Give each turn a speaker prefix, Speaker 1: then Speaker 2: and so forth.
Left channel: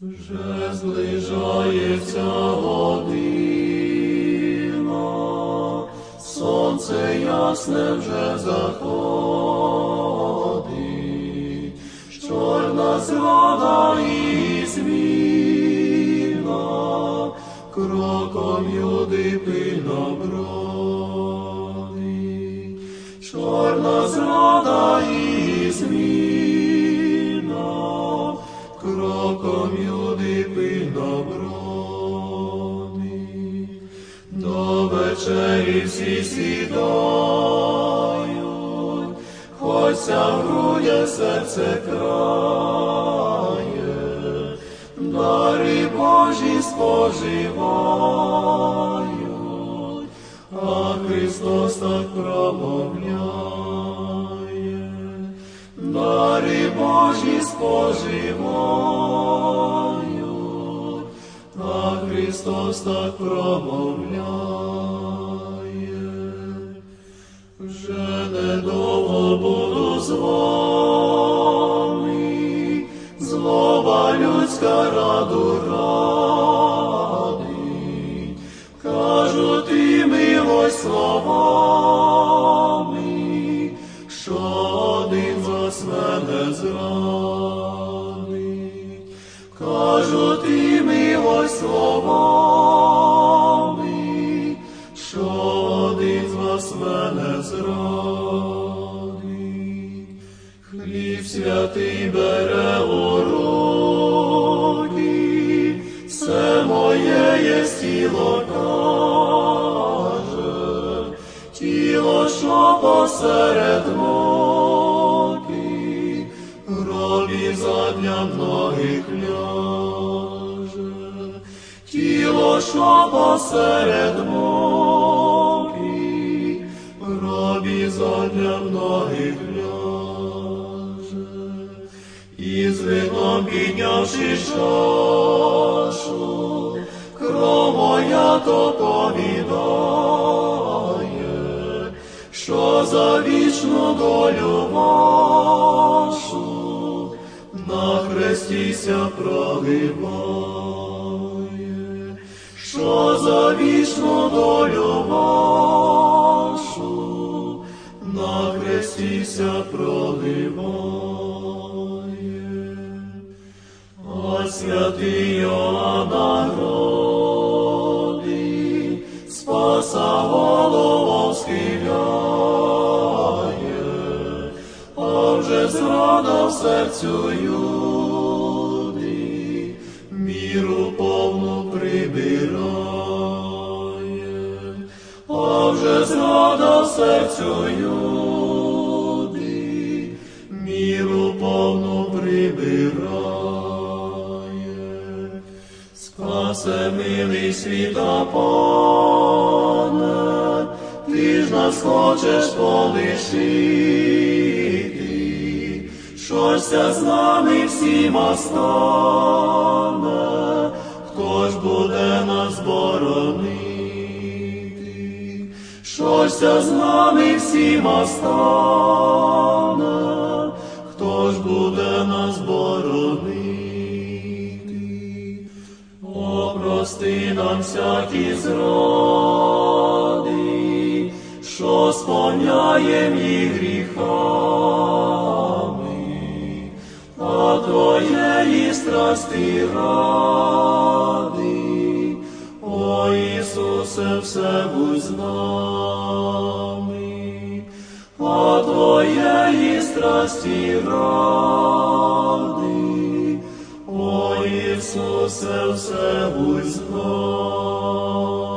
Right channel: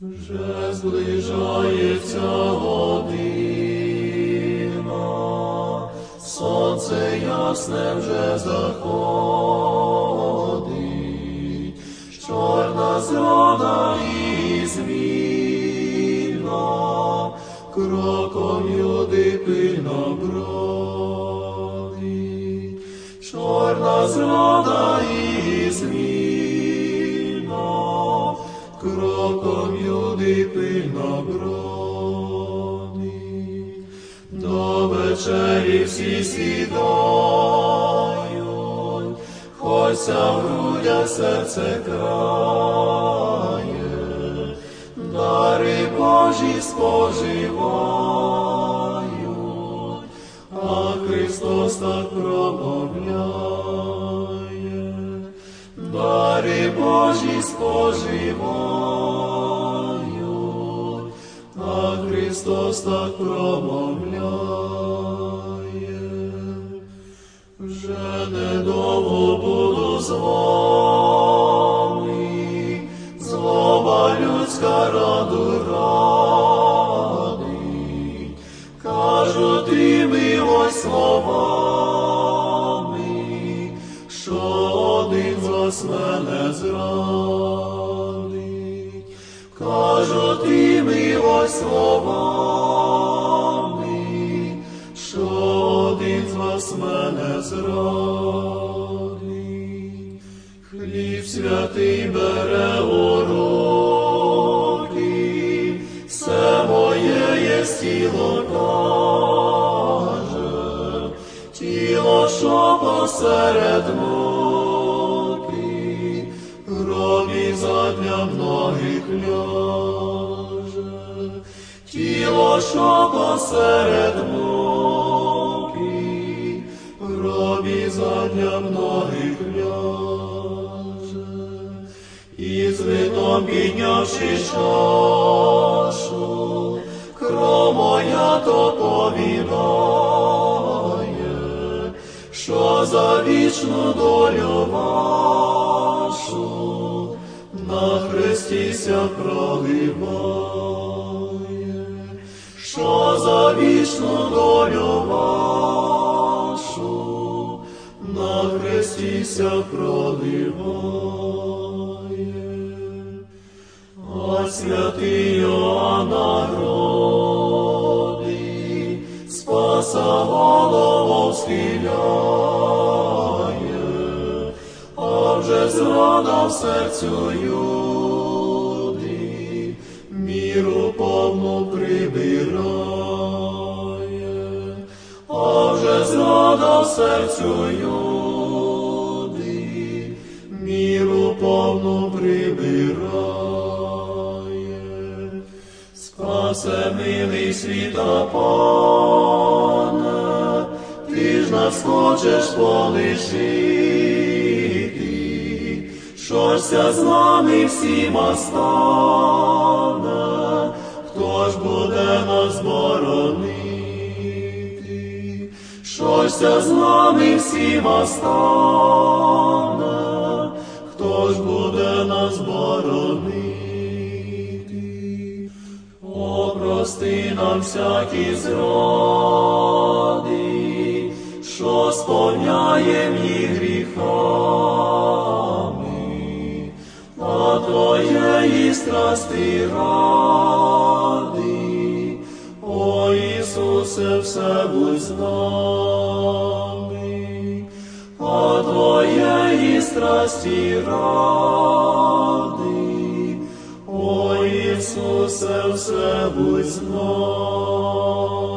Speaker 1: Вже зближається година, сонце ясне вже заходить, чорна зрада і зміна, кроком юди пильно бродить, чорна зрада і зміна, кроком юди пильно бродить, до вечері всі сідають, Хося в грудях серце крає, дари Божі споживають, а Христос так промовляє, дари Божі споживають, Христос так промовляє. Вже недовго буду з вами, злоба людська раду ради, кажуть і милость словами, що один з вас мене зранить, кажуть і милость словами, що один з вас мене зрадить. Хліб святий бере у руки, все моє є тіло каже, тіло, що посеред муки, гробі задля многих ляже, тіло, що посеред муки, гробі задля многих ляже, і з вином піднявши чашу, кров моя то повідає, що за вічну долю вашу на хресті проливає, за вічну долю вашу на хрестіся проливає. А святий Йоанна Гроди, спаса голову схиляє, а вже зрада в серцю юди, міру повну а вже зрада серцю юди, міру повну прибирає. Спасе милий світа пане, ти ж нас хочеш полишити, щося з нами всіма стане, щося з нами всіма стане, хто ж буде нас боронити. О, нам всякі зради, що сповняєм їх гріхами, а Твоєї страсти ради, Ісусе, все будь з нами, а Твоєї страсті ради, о Ісусе, все будь з нами.